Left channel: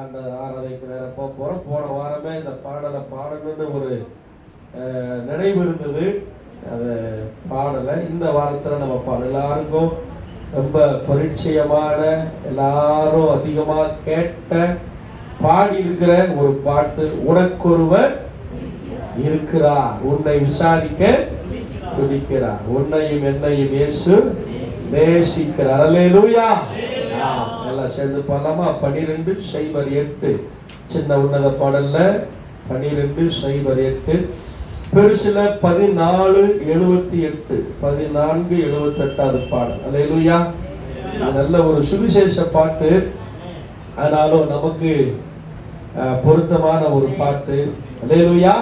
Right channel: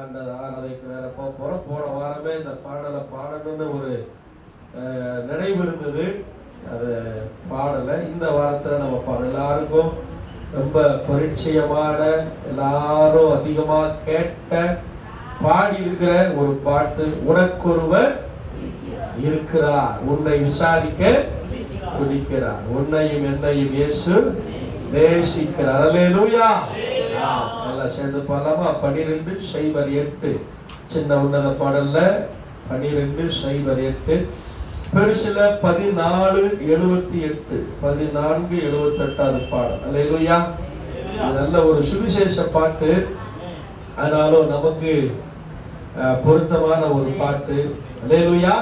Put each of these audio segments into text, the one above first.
அந்த ஆராதனைக்கு வேற போகிறோம். போன வாரமே இந்த பாடலை பாடணும்னு ஒரு நினைவு இருந்தது, அதை பாடலை. இந்த வாரத்தில் நம்ம எல்லாருக்கும் ரொம்ப பரிச்சயமான, எல்லாரும் அதிகமாக கேட்ட, பாடி இருக்கிற ஒரு பாட்டு, உனக்கொருவர் இருக்கிறார், உன்னை விசாரிக்க துடிக்கிறார், உன்னையும் என்னையும் இயேசு நேசிக்கிறார். அல்லேலூயா. நல்லா சேர்ந்து பாடலாமா? 12:8 சின்ன உன்னத பாடல்ல 12:8, பெருசில 14:78, 14:78 பாடல். அல்லேலூயா. நல்ல ஒரு சுவிசேஷ பாட்டு, ஆனாலும் நமக்கு பொருத்தமான ஒரு பாட்டு. அல்லேலூயா.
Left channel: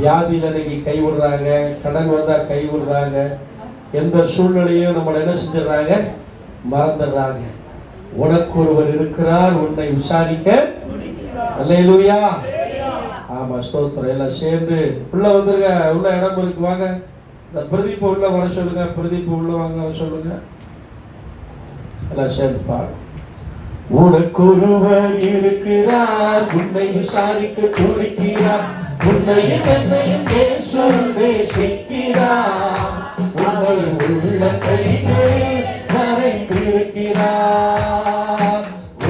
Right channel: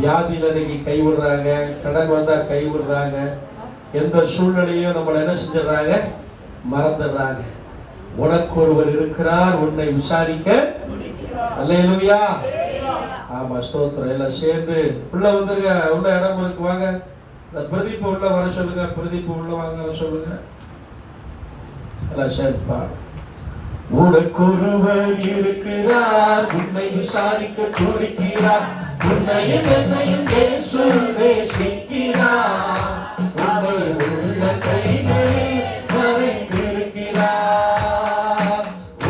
வியாதியில நீங்க கைவிடுறாங்க, கடன் வந்தா கைவிடுறாங்க, எந்த சூழ்நிலையும் நம்மளை என்ன செஞ்சிடறாங்க, மறந்துடுறாங்க. உனக்கு ஒருவர் இருக்கிறார், உன்னை விசாரிக்க. அல்லேலூயா. ஆமா, ஸ்தோத்திரம். எல்லாம் சேர்ந்து உள்ள வந்துருங்க. உள்ள இடம் இருக்கு, வாங்க. இந்த பிரதீப் உள்ள வர சொல்லுங்க, பிரதீப் உள்ள வாங்க வர சொல்லுங்க. எல்லாம் சேர்ந்து பாடு. உனக்கு ஒருவர் இருக்கிறார், உன்னை விசாரிக்க துடிக்கிறார், உன்னை என்னையும் இயேசு நேசிக்கிறார், உன்னை உள்ள கைகளில் மறைந்திருக்கிறார்.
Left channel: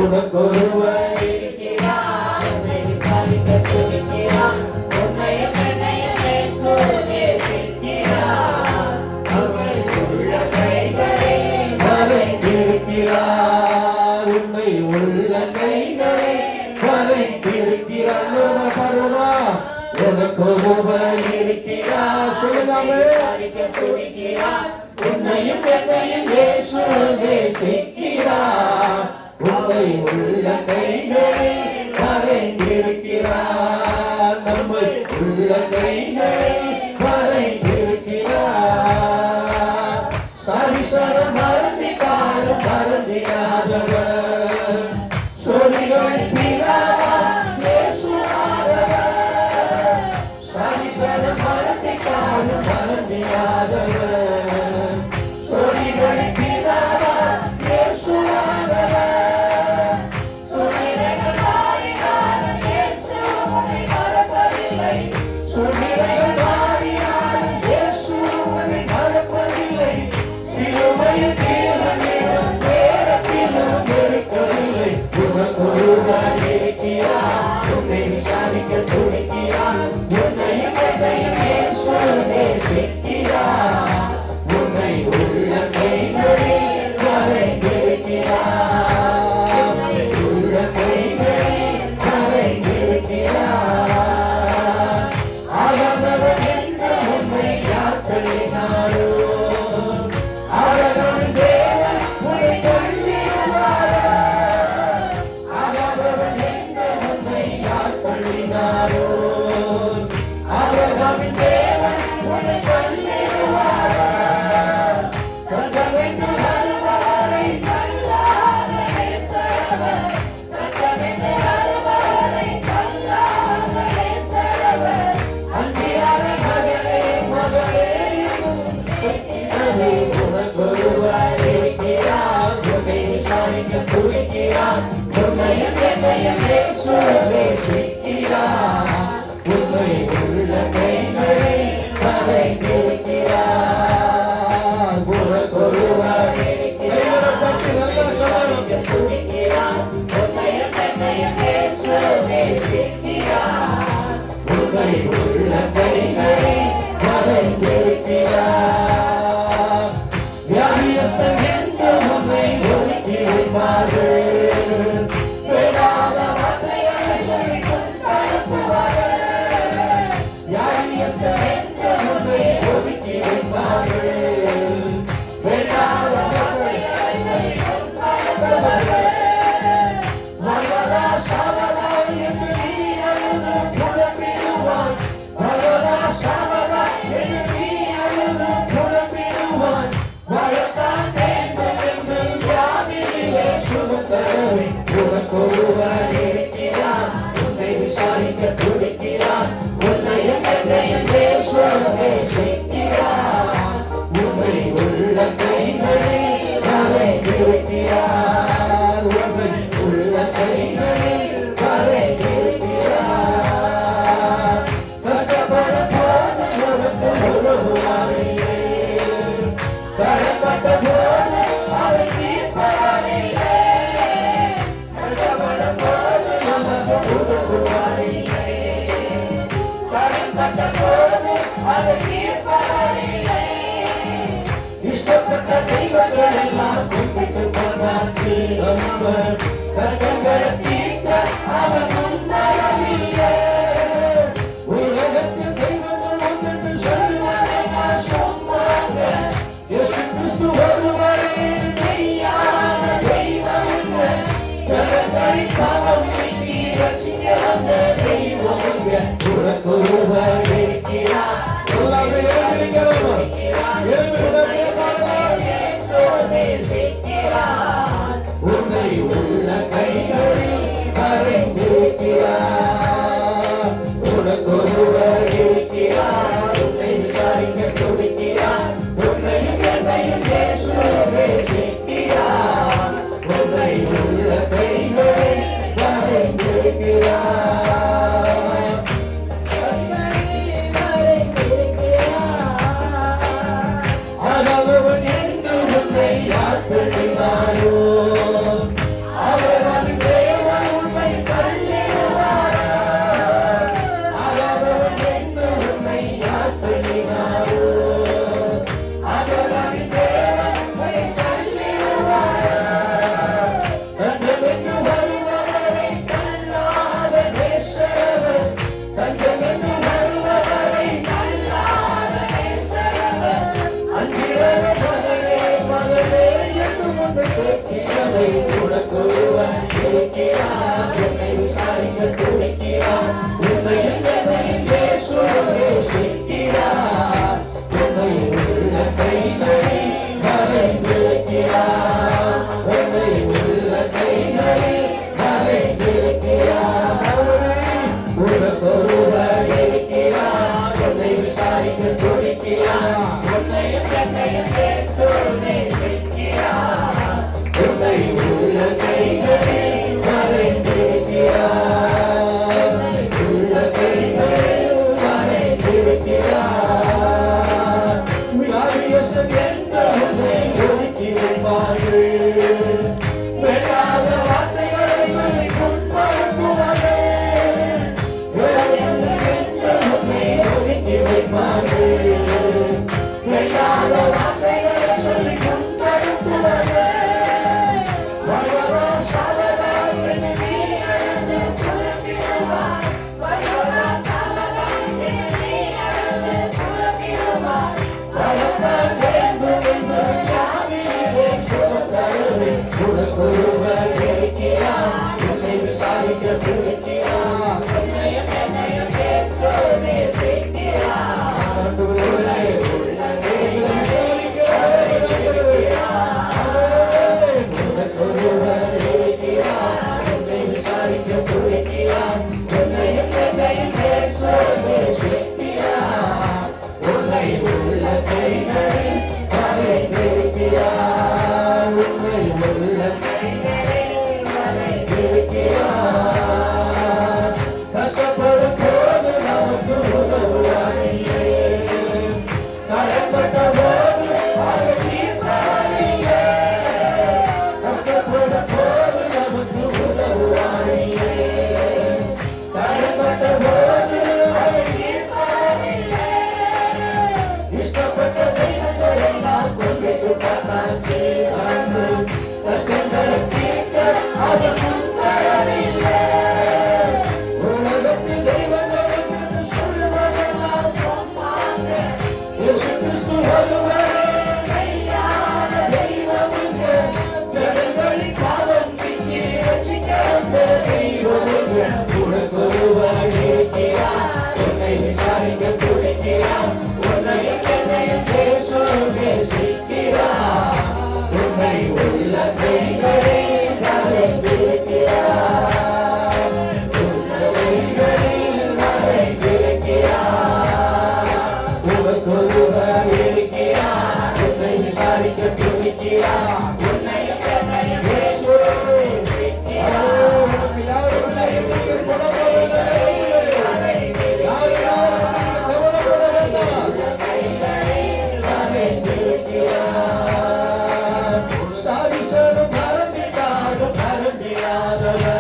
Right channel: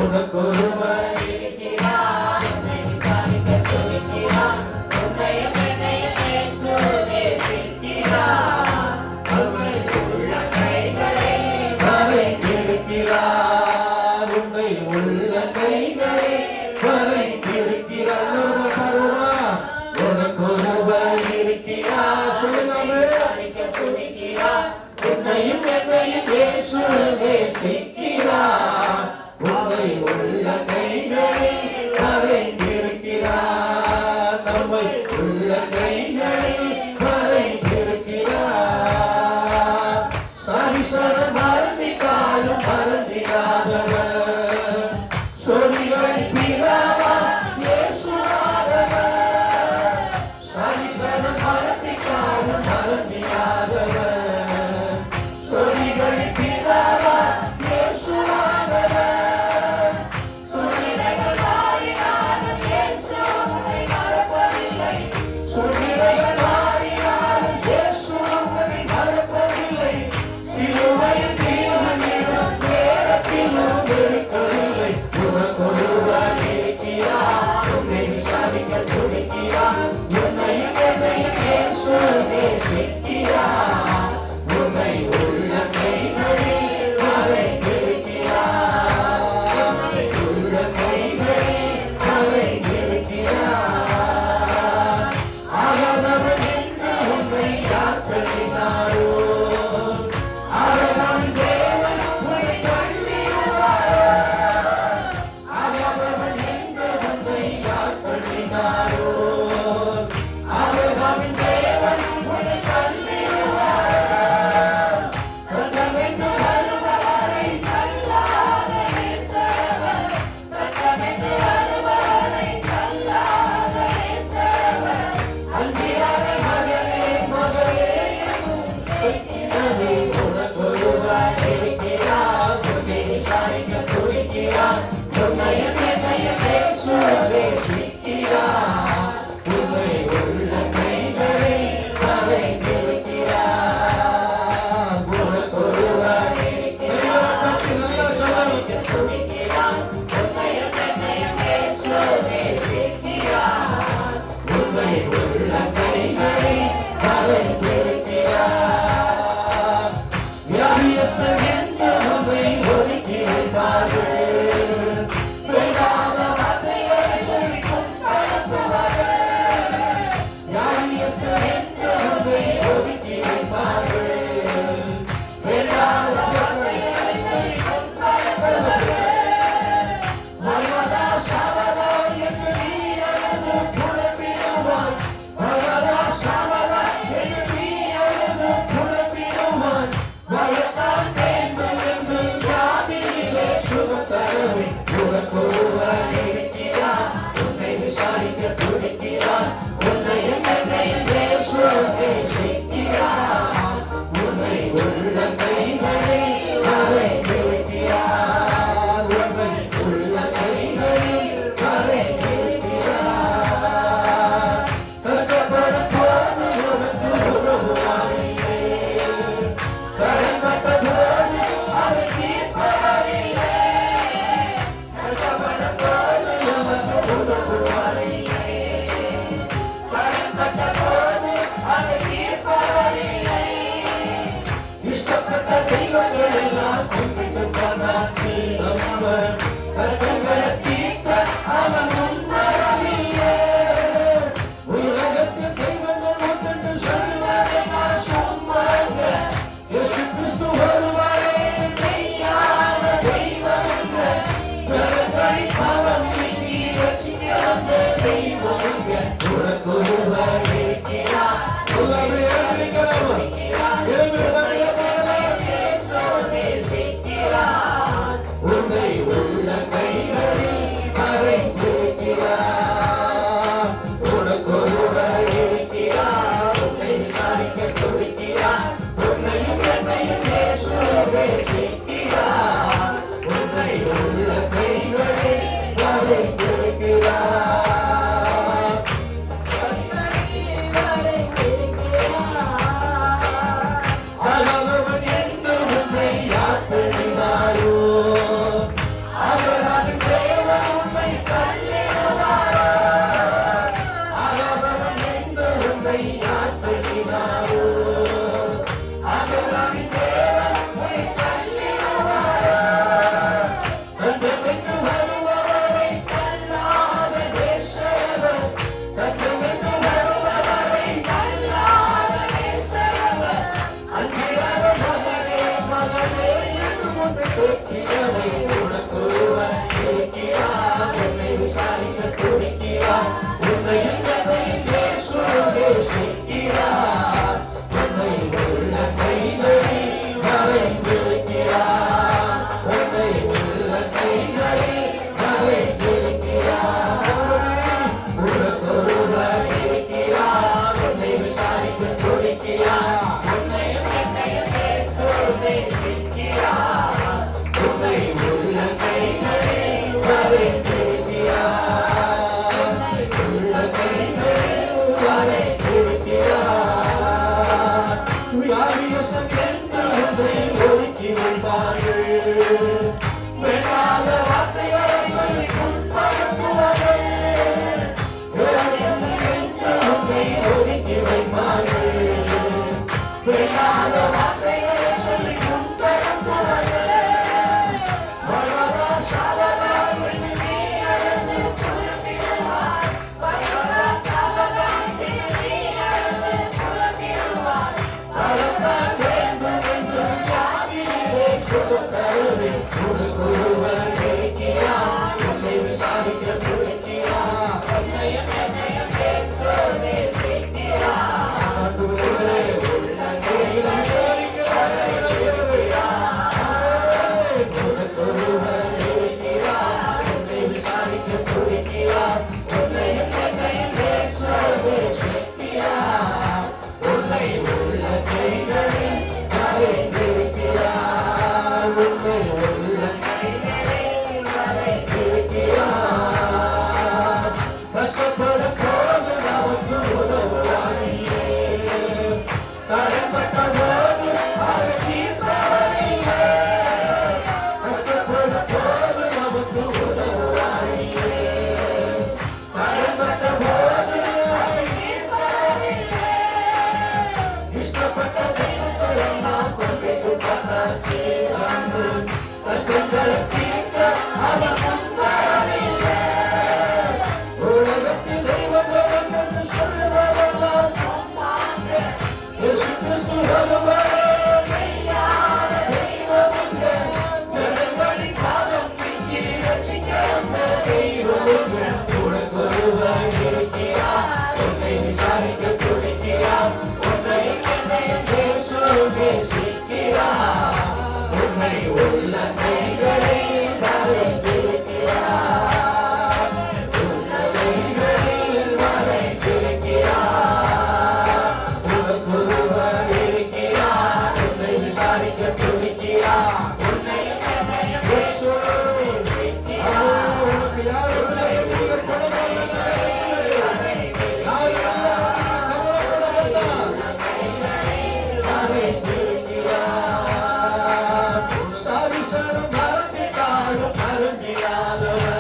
உனக்கு ஒருவர் இருக்கிறார், உன்னை விசாரிக்க துடிக்கிறார், உன்னை என்னையும் இயேசு நேசிக்கிறார், உன்னை உள்ள கைகளில் மறைந்திருக்கிறார். உன்னையும் என்னையும் இயேசு நேசிக்கிறார், உன்னை உள்ள கைகளில் மறைந்திருக்கிறார், நம்மை உள்ள கைகளில் மறைந்திருக்கிறார். சரிசர மருந்தி காலம் மருந்தியாதவர், சொல்லிகள் பிதாவா இயேசுவானவர், சரிசர மருந்தி காலம் மருந்தியாதவர், சொல்லிகள் பிதாவா இயேசுவானவர். கேட்கிறவை உனக்கொருவர் இருக்கிறார். என்னை விசாரிக்க துடிக்கிறார். உன்னையும் என்னையும் இயேசு நேசிக்கிறார். உன்னை உள்ள கைகளில் வரைந்திருக்கிறார். உன்னை உள்ள கைகளில் வரைந்திருக்கிறார். உனக்கொருவர் இருக்கிறார். உன்னை விசாரிக்க துடிக்கிறார். உன்னையும் என்னையும் இயேசு நேசிக்கிறார். உன்னை உள்ள கைகளில் வரைந்திருக்கிறார். உள்ள கைகளில் வரைந்திருக்கிறார். வியாதியஸ்தன் என்ற உன்னை ஒதுக்கி வைப்பார்கள். வேண்டாத வார்த்தைகளை சொல்லி புண்படுத்துவார்கள். வியாதியஸ்தன் என்ற உன்னை ஒதுக்கி வைப்பார்கள். வேண்டாத வார்த்தைகளை சொல்லி புண்படுத்துவார்கள். வருவதா சாவதா என்று நீ அழுது புலம்பிடுவாய். வருவதா சாவதா என்று நீ அழுது புலம்பிடுவாய். வரத்தான் வேண்டும் என்று ஜாதியிலே சுகம் தருவேன். உனக்கொருவர் இருக்கிறார். உன்னை விசாரிக்க துடிக்கிறார். உன்னையும் என்னையும் இயேசு நேசிக்கிறார். உன்னை உள்ள கைகளில் வரைந்திருக்கிறார். உனக்கொருவர் இருக்கிறார். உன்னை விசாரிக்க துடிக்கிறார். உன்னையும் என்னையும் இயேசு நேசிக்கிறார். உன்னை உள்ள கைகளில் வரைந்திருக்கிறார். உன்னை உள்ள கைகளில் வரைந்திருக்கிறார். கஷ்டப்படும் போது நமக்கு உதவுவாரில்லை. கரைப்பட்ட போது அதை தீர்ப்பவரில்லை. கஷ்டப்படும் போது நமக்கு உதவுவாரில்லை. கரைப்பட்ட போது அதை தீர்ப்பவரில்லை. இஷ்டப்பட்ட தெய்வங்களை நாம் கொண்டு பார்த்தாச்சு. கஷ்டங்களை தீர்க்க அவர் முன்வரவில்லை. உலகத்தில் தெய்வங்கள் என்று சொல்லுவதெல்லாம் சொன்னாங்க. இயேசு கிறிஸ்து ஒருவரே மெய்யான தெய்வம் இங்கு. ஜனங்களின் பாவம் நீக்கி ரட்சிக்க வந்த தெய்வம் இங்கு. உனக்கொருவர் இருக்கிறார். உன்னை விசாரிக்க துடிக்கிறார். உன்னையும் என்னையும் இயேசு நேசிக்கிறார். உன்னை உள்ள கைகளில் வரைந்திருக்கிறார். உள்ள கைகளில் வரைந்திருக்கிறார். உனக்கொருவர் இருக்கிறார். உன்னை விசாரிக்க துடிக்கிறார். உன்னையும் என்னையும் இயேசு நேசிக்கிறார். உனக்கு யாரும் உன்னை கவலைப்பட வேண்டாம். கைகளில் வரைந்திருக்கிறார். சாரிசனம் மறந்திடாத மறந்திடாதவர்.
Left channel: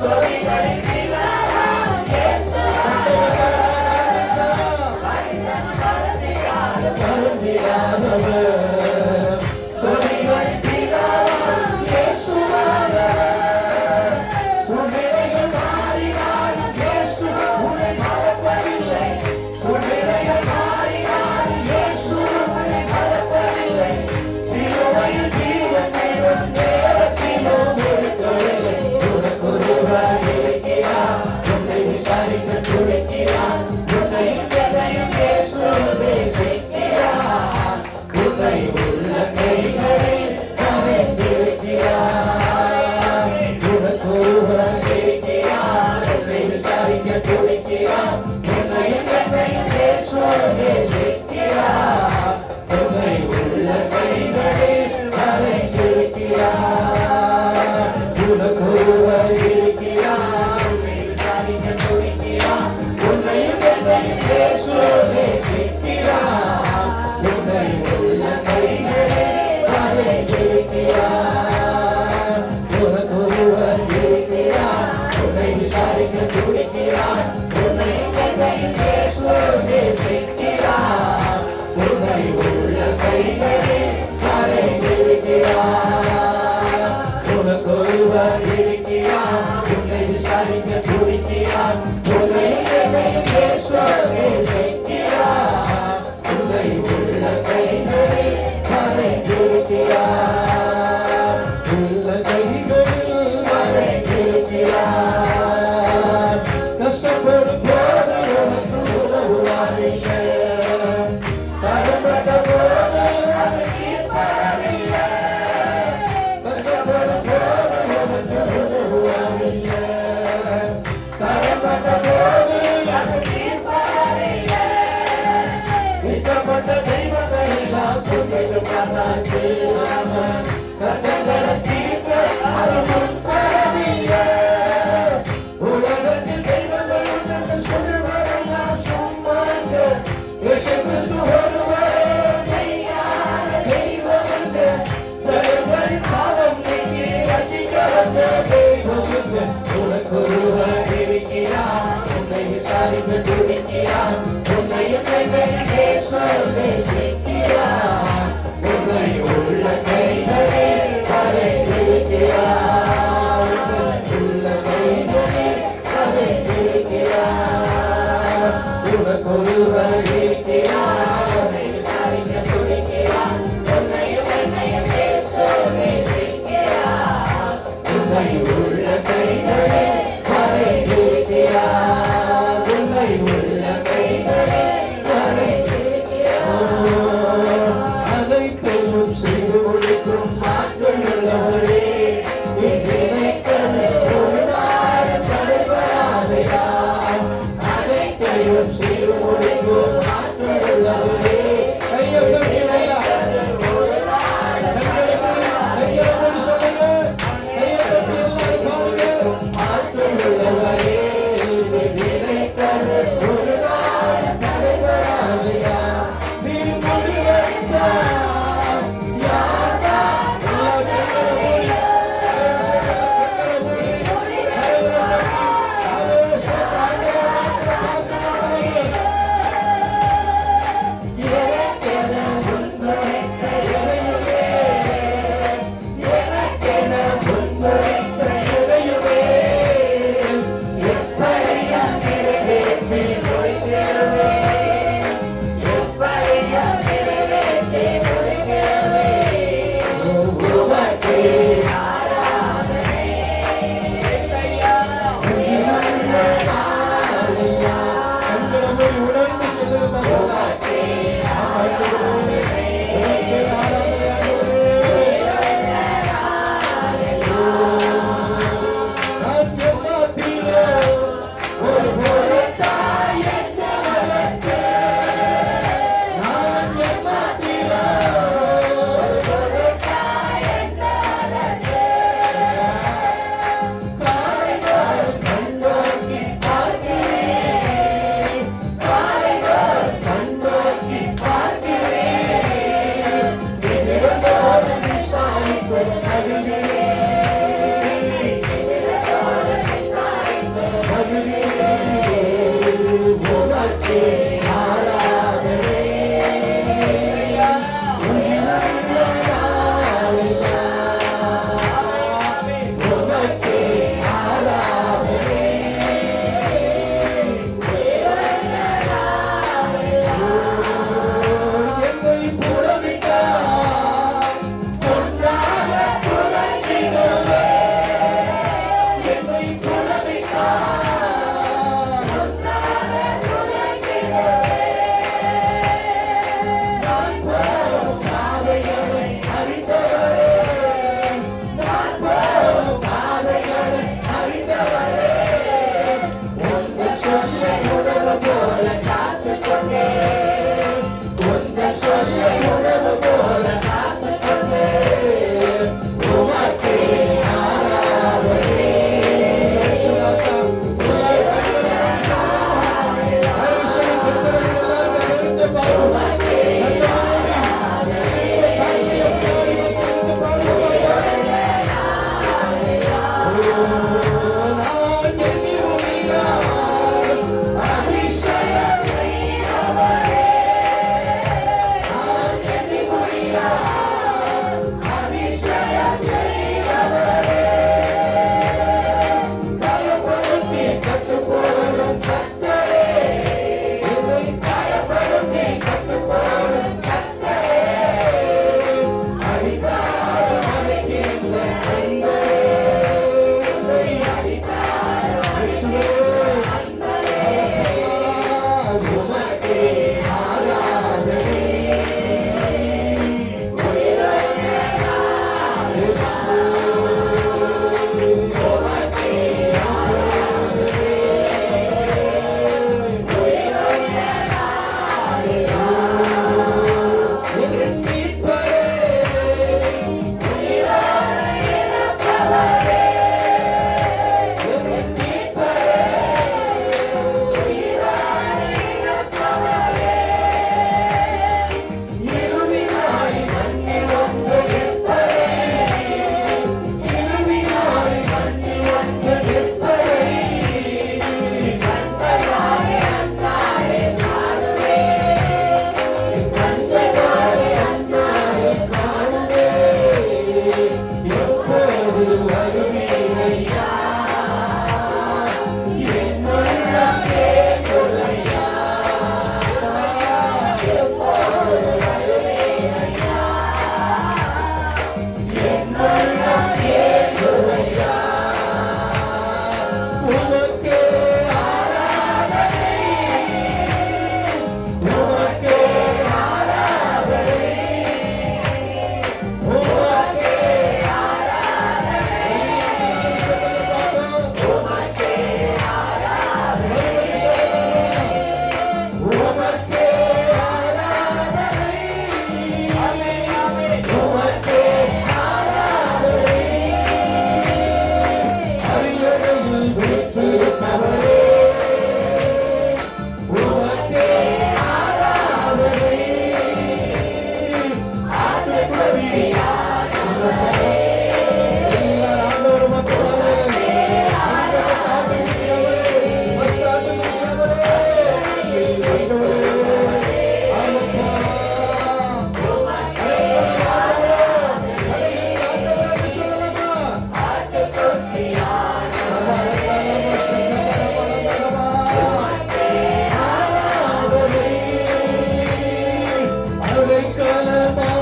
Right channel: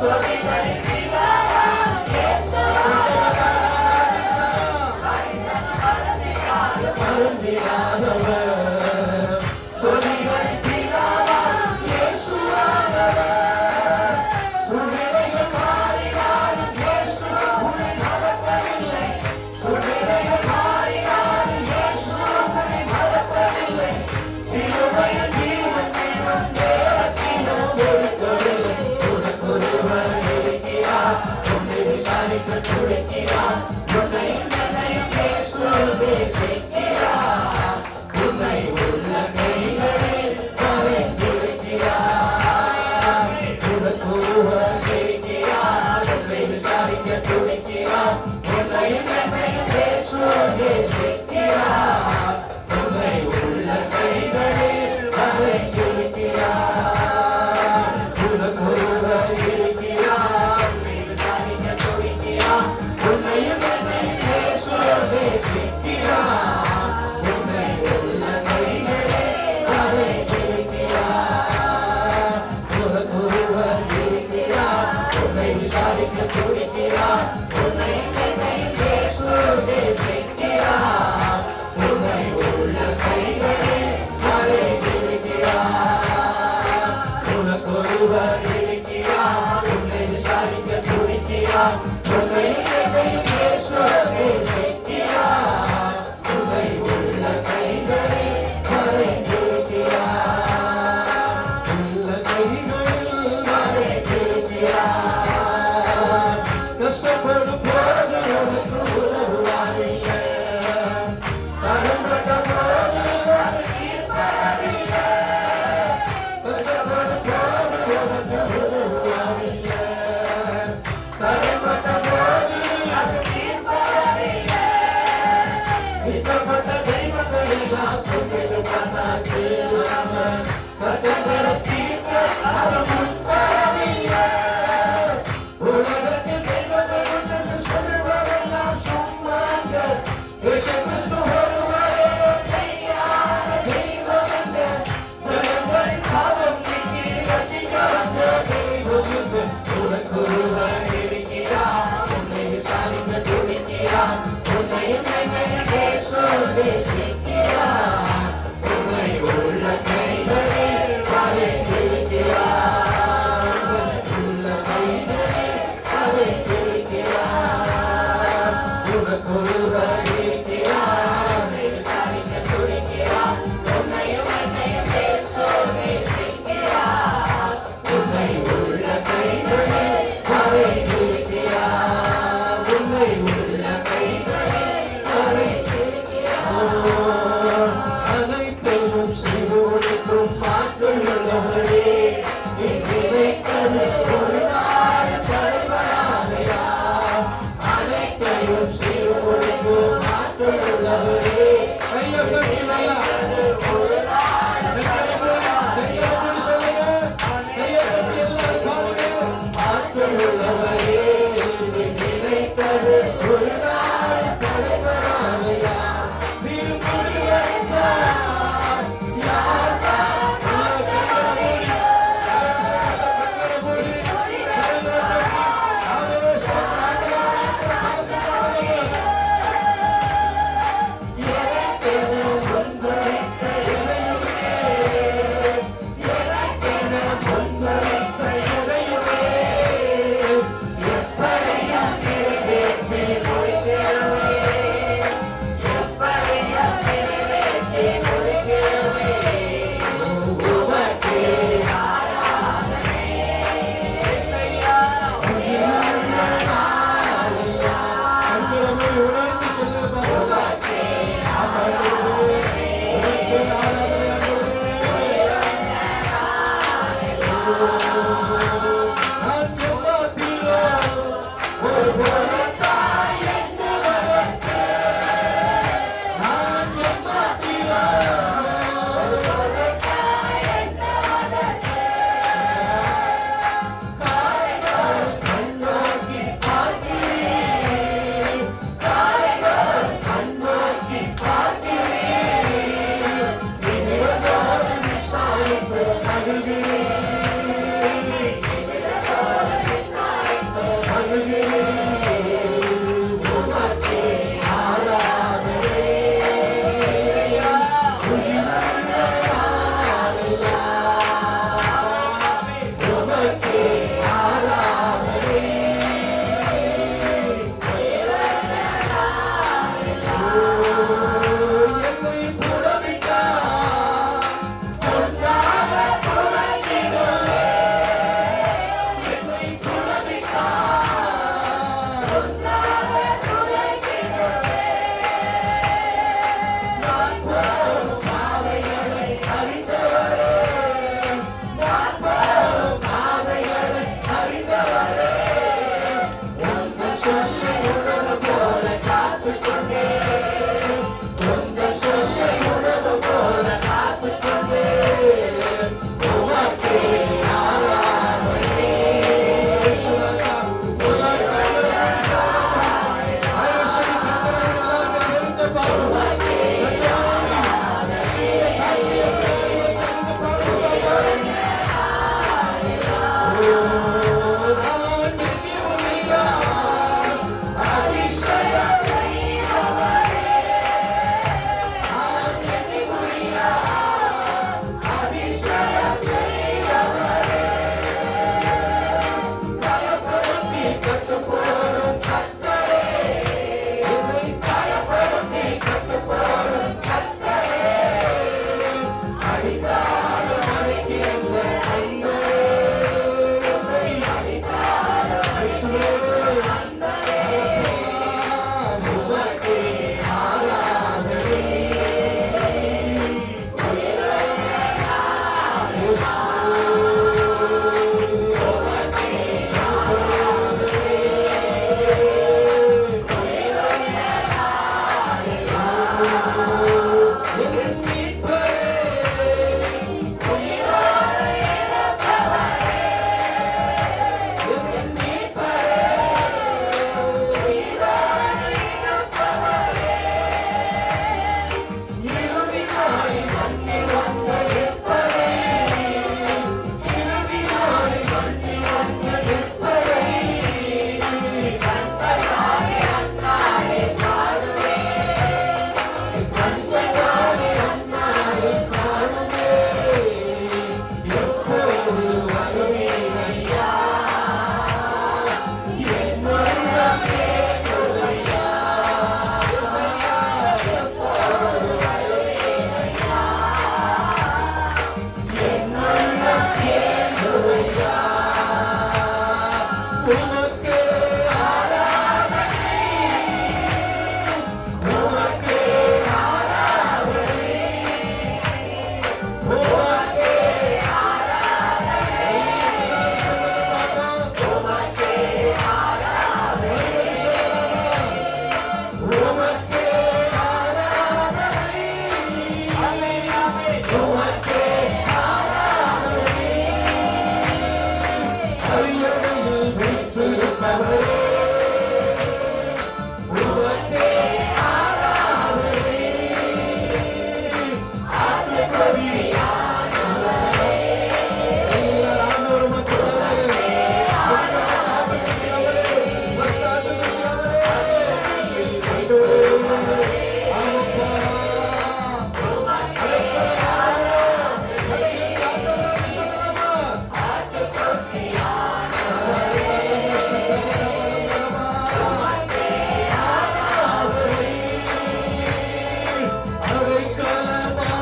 சொற்களின் பிதாவாம் இயேசு மறந்திடாதவர். சொற்களின் பிதாவாம் இயேசு சூழ்நிலைகள் மாறினாலும் இயேசு உன்னை மறப்பதில்லை. சூழ்நிலைகள் மாறினாலும் இயேசு உன்னை மறப்பதில்லை. சிலுவையில் ஜீவன் தேடும் நேரத்திலும் ஒதுக்கவில்லை. உனக்கொருவர் இருக்கிறார். உன்னை விசாரிக்க துடிக்கிறார். உன்னையும் என்னையும் இயேசு நேசிக்கிறார். உன்னை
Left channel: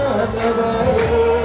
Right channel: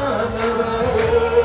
அடைக்கலமானவரே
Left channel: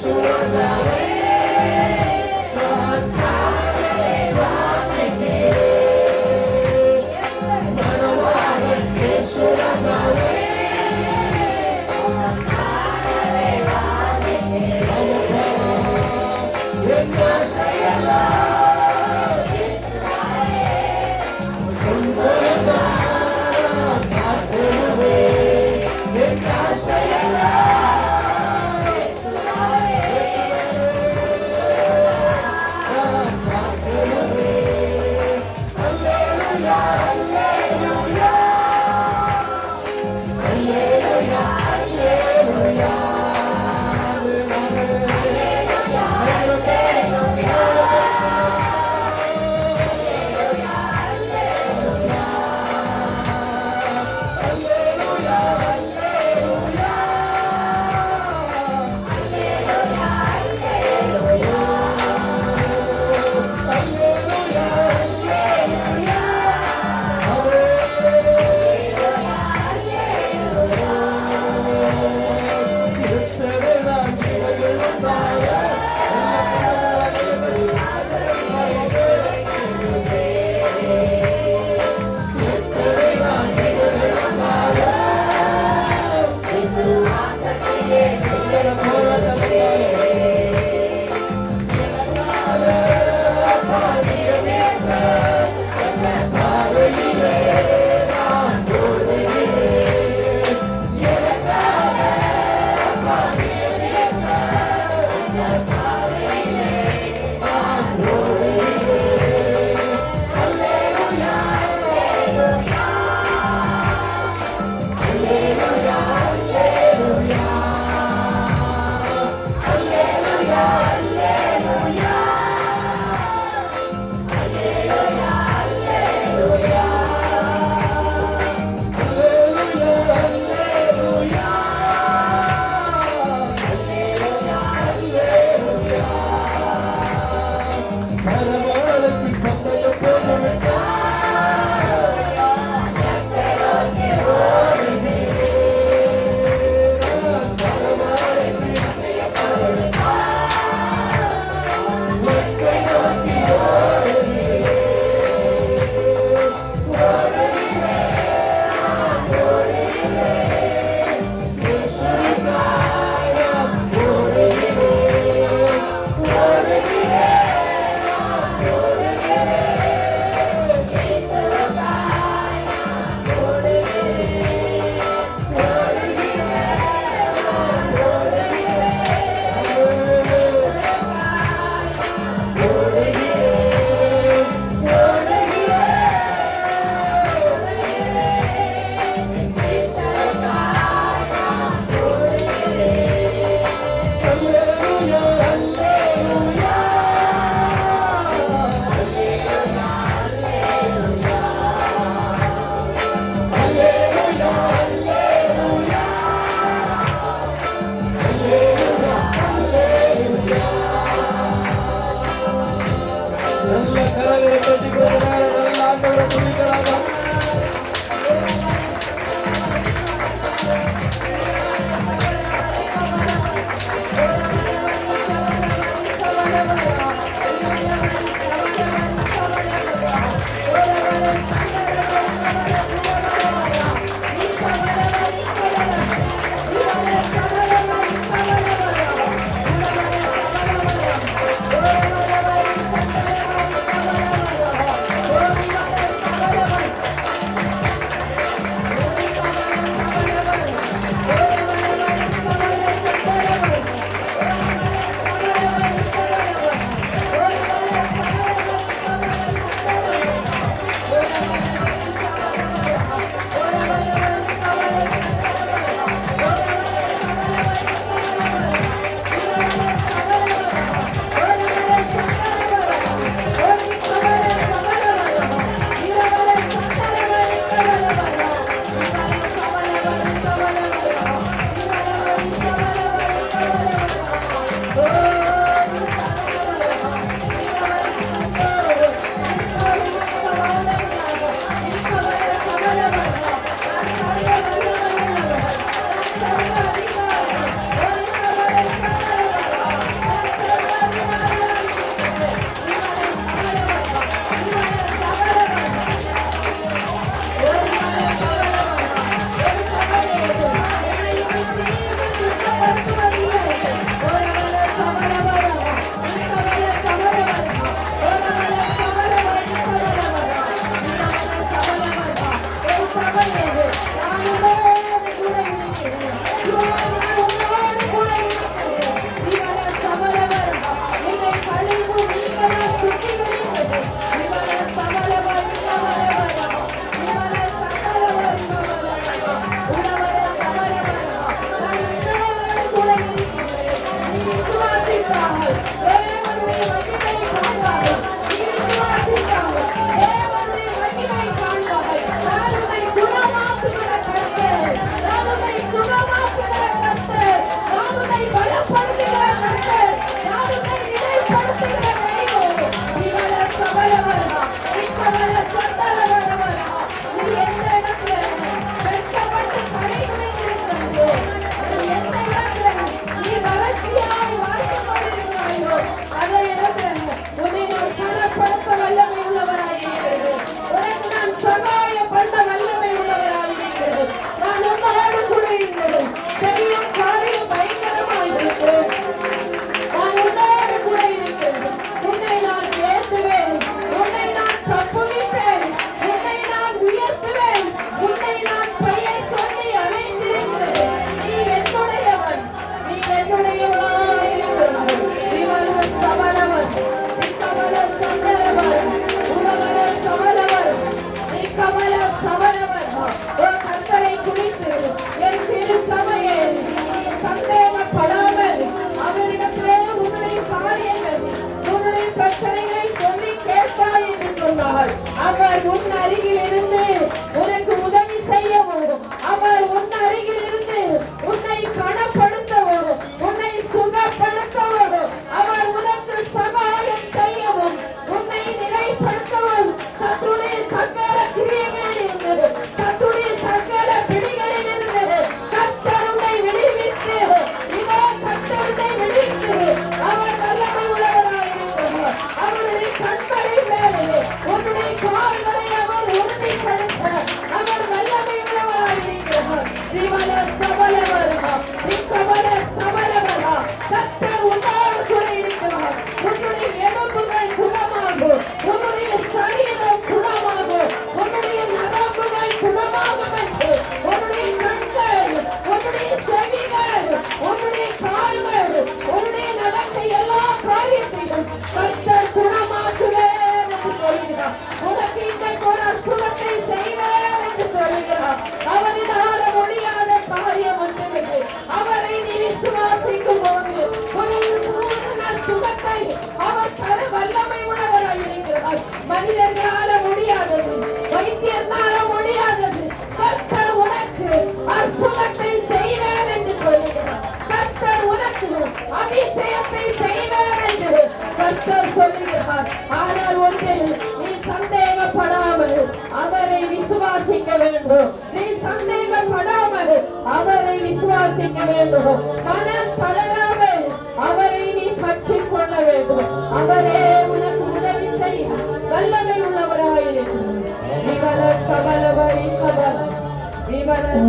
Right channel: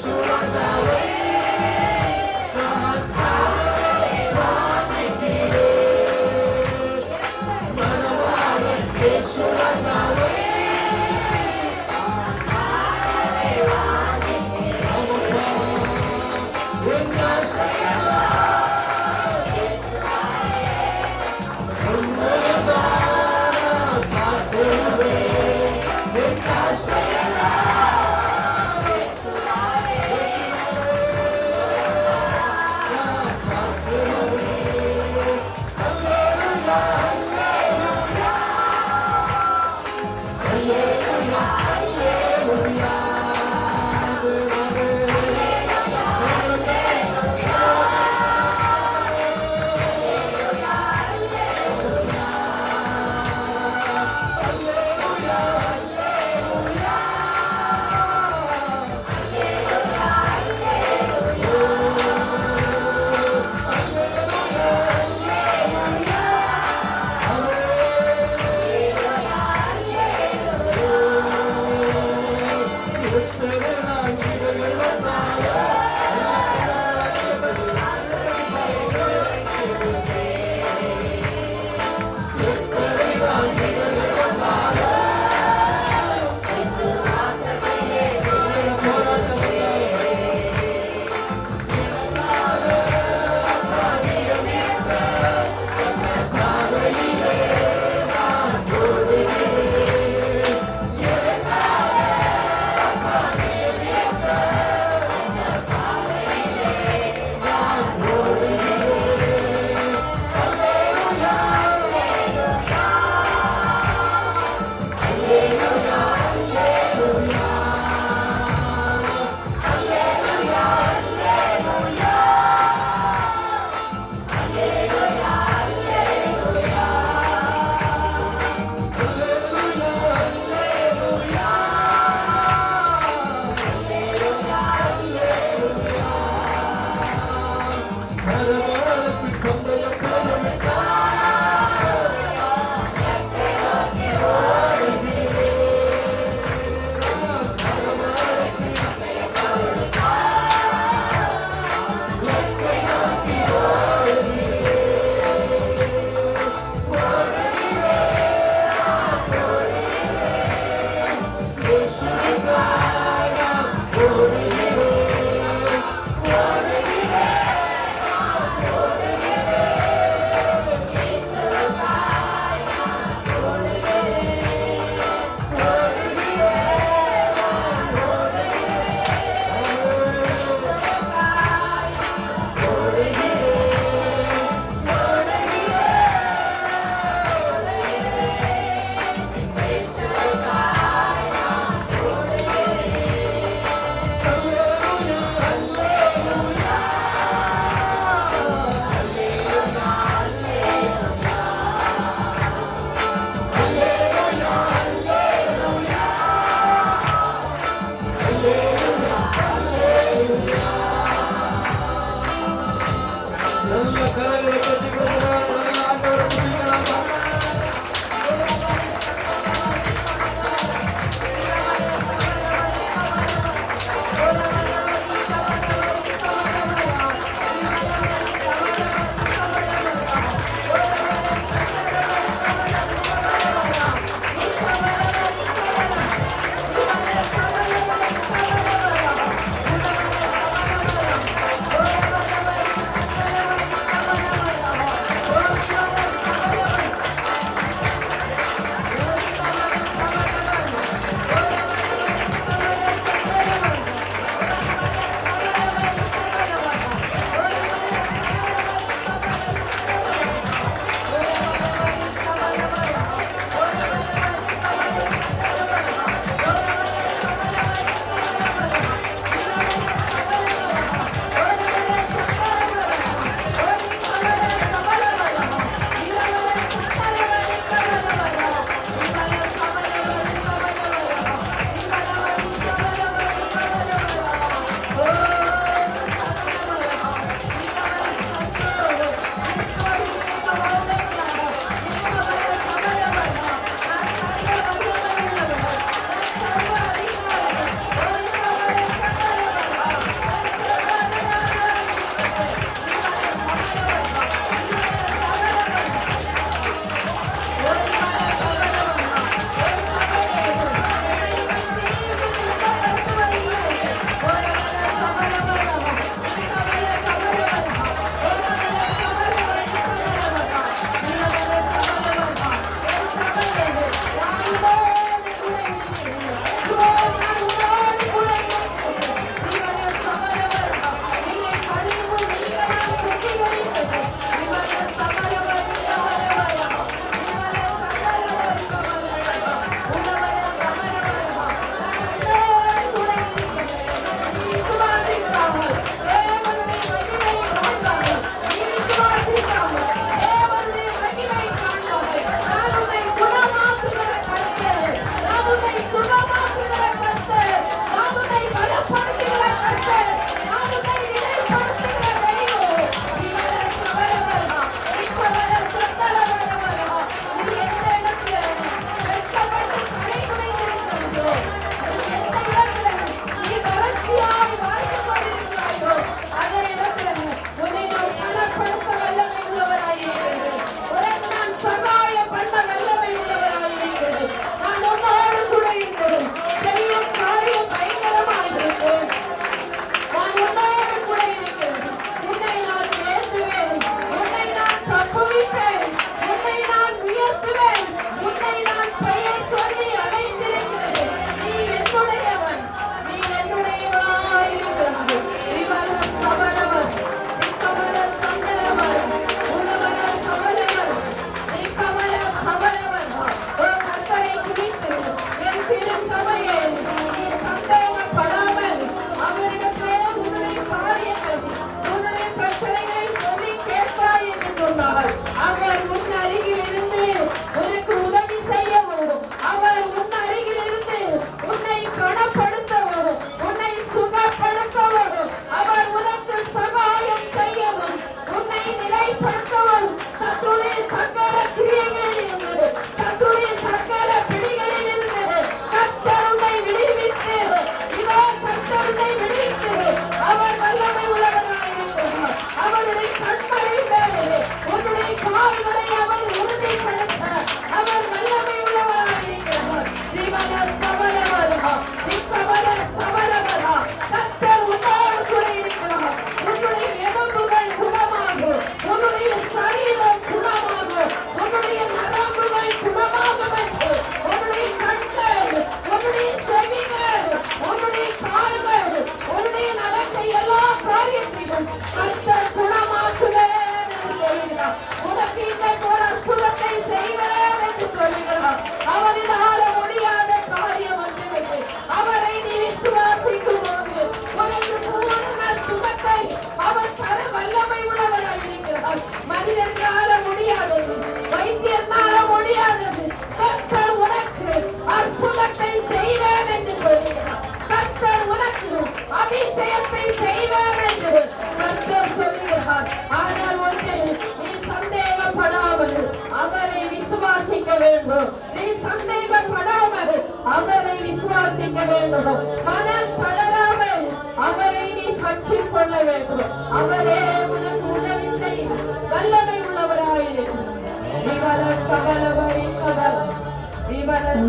Yes,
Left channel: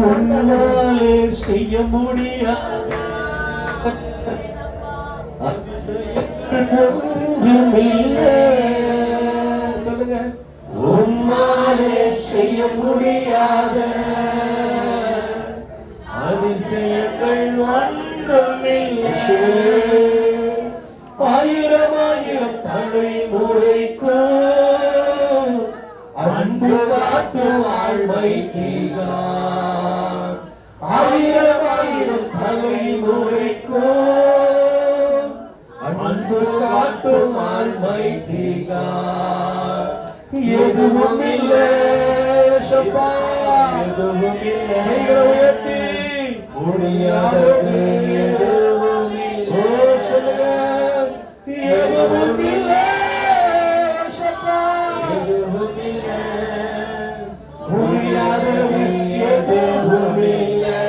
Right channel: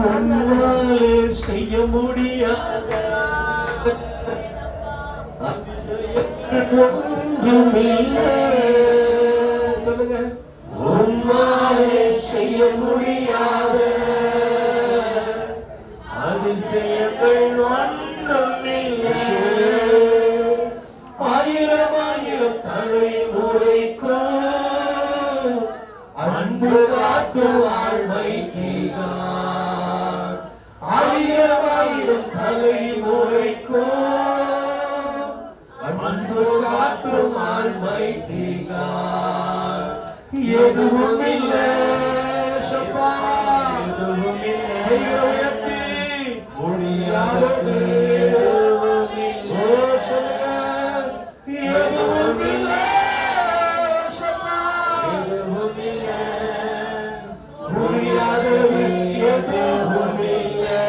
உன்னாலே செய்ய முடியாத ஒன்றுமில்லை. சொல்லுங்க. உன்னாலே செய்ய முடியாத அதிசயங்கள் ஒன்றுமில்லை. ஆயிரம் ஆயிரம் தலைமுறைக்கும் அன்பு காட்டும் ஆழ்மைக்கார். ஆயிரம் ஆயிரம் தலைமுறைக்கும் அன்பு காட்டும் ஆழ்மைக்கார். எதுவும் இல்லை சபா, எதுவும் இல்லை உயர்த்தி முடியாதது எதுவும் இல்லை. எதுவும் இல்லை சபா, எதுவும் இல்லை முடியாதது எதுவும் இல்லை.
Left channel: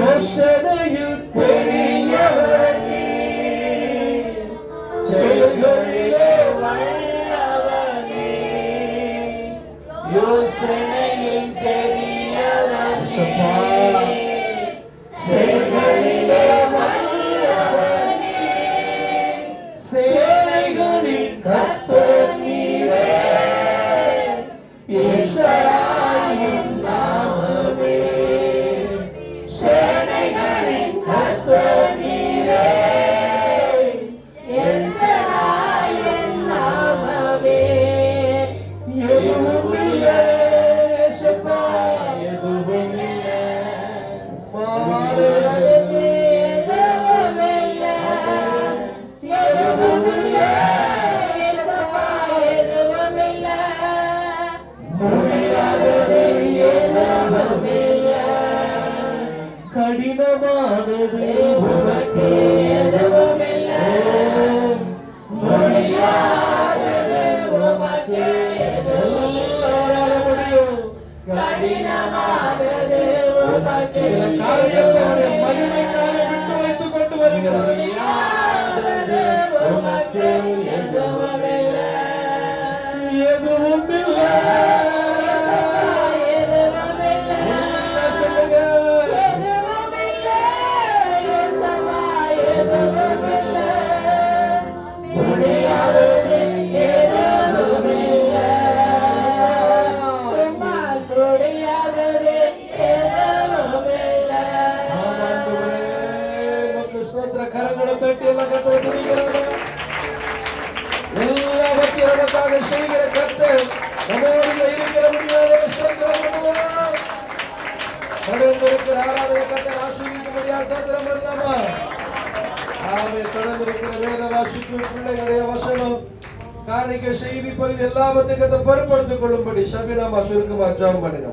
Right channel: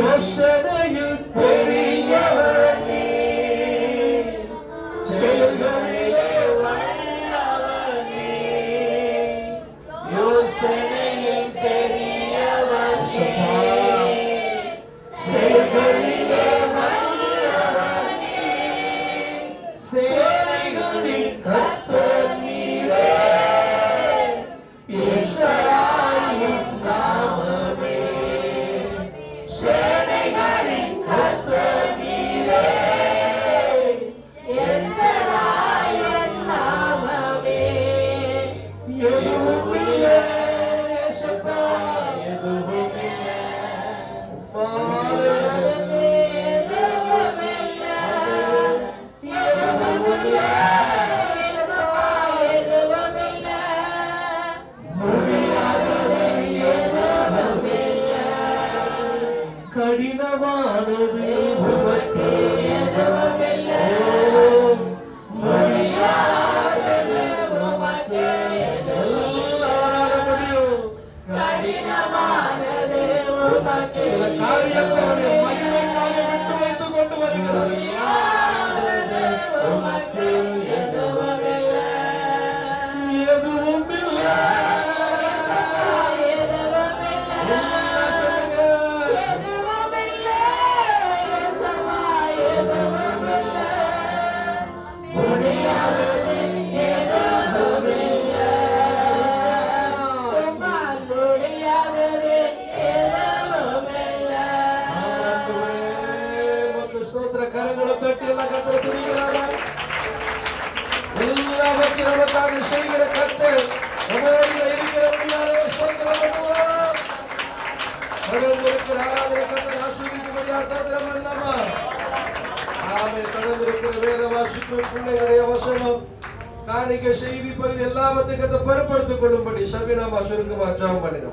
யோசனையில் பெரியவர் நீ, செயல்களிலே வல்லவர் நீ. யோசனையில் பெரியவர் நீ, செயல்களிலே வல்லவர் நீ. சேனைகளின் கர்த்தர் நீரே, ஈஸ்வராயின் நாமமே. சேனைகளின் கர்த்தர் நீரே, ஈஸ்வராயின் நாமமே. எதுவும் இல்லை இயேசுவா, எதுவும் இல்லை. மாறுதலே எதுவும் இல்லை. எதுவும் இல்லை இயேசுவா, எதுவும் இல்லை. முடியாதது எதுவும் இல்லை. கடினமானது உனக்கு எதுவும் இல்லை. முடியாதது உமக்கு எல்லாரால முடியும். கடினமானது உமக்கு சில காரியங்களை மகிமைக்காக விட்டு வைத்துக் கொண்டு வருகிறது. முடியாதது உமக்கு எதுவும் இல்லை. எதுவும் இல்லை. எதுவும் இல்லை. எதுவும் இல்லை. இயேசுவா, எதுவும் இல்லை. முடியாதது எதுவும் இல்லை. உம்மால் முடியாதது எதுவும் இல்லை. ஸ்தோத்திர கரங்களை தட்டி எல்லாம் கர்த்தரை துதிக்கிறாங்க. எல்லாவற்றையும் நமக்காக செய்கிற கர்த்தர் நம்மோடு இருக்கிற முடியாத ஸ்தோத்திரம் பண்ணுவோம். தொடர்ந்திருக்கிற ஆராதனை கர்த்தர் ஆசீர்வதிக்கும்படியாக ஸ்தோத்திரம் பண்ணலாமா? ஆமென். தொடர்ந்திருக்கிற வேத வாசிப்பு பிள்ளைகளுடைய வசனம் காணிக்கை செய்தி பகுதி எல்லாவற்றையும் கர்த்தர் பொறுப்படுத்திக் கொள்ளும்படி சபையினாமா சுருக்கமாக ஜெபம் பண்ணுங்க.